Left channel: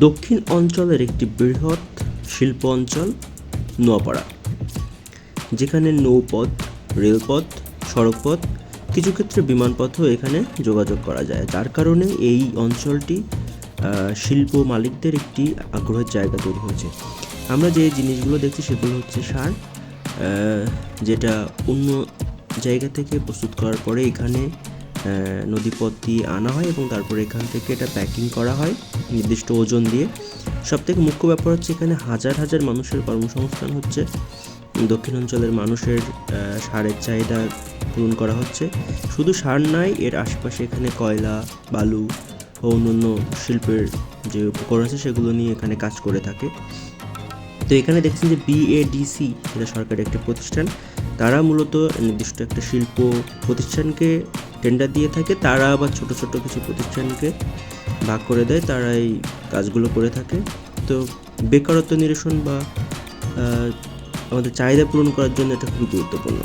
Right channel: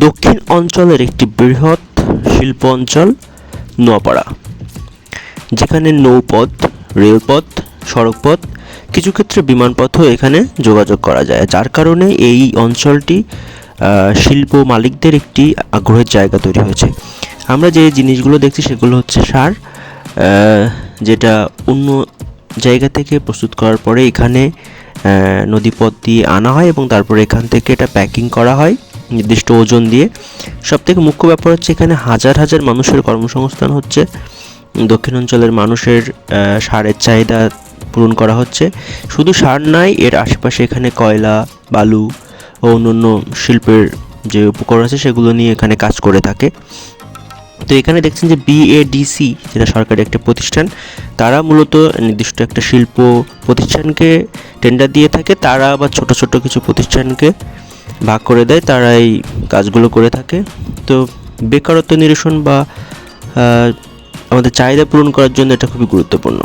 দক্ষিণ অঞ্চলের একটি বৃহৎ শিল্প অঞ্চল নোয়াপাড়া। যেখানে নৌপথ, রেলপথ, সড়কপথ, কিছু ক্ষেত্রে বিমানপথও এখানে যোগাযোগ করা যায়। যার কারণে এই অঞ্চলটি শিল্প মালিকদের একটি আগ্রহের জায়গা তৈরি হয়েছে। আমরা যে জিনিসগুলো দেখছি সেগুলো হচ্ছে সার যেটা অন্য জায়গা থেকে প্রস্তুত করার পরে এখানে নদীপথ দিয়ে আনা হয় এবং তারপরে এখান থেকে এটা প্যাকিং করা হয়। নির্দিষ্ট ওজন দিয়ে। সব থেকে মুখ্য ব্যাপার হচ্ছে এখানে হাজার হাজার মানুষের কর্মসংস্থান হচ্ছে। দক্ষিণ অঞ্চলের মানুষের সারের চাহিদা পূরণ করা হচ্ছে। শুধু সার নাই, এর আশেপাশে এখানে কয়লা, বালু ও অন্যান্য শিল্পের যে উপকরণ আছে, সেগুলো নিয়ে এখানে কাজ করে থাকে। তো এখানে দেখছেন যে বিএডিসি যেটা সরকারি একটা প্রতিষ্ঠান, তারা মূলত নির্দিষ্ট একটা শিল্প প্রতিষ্ঠানকে টেন্ডার দিয়ে থাকে। তারা আবার ছোট ছোট কিছু প্রতিষ্ঠানকে ভাগ করে দেয় তারা এই কাজগুলো করে থাকে। তো বেকারত্ব নিরসন বা আমাদের চাহিদা পূরণ করার জন্য এটা খুবই গুরুত্বপূর্ণ।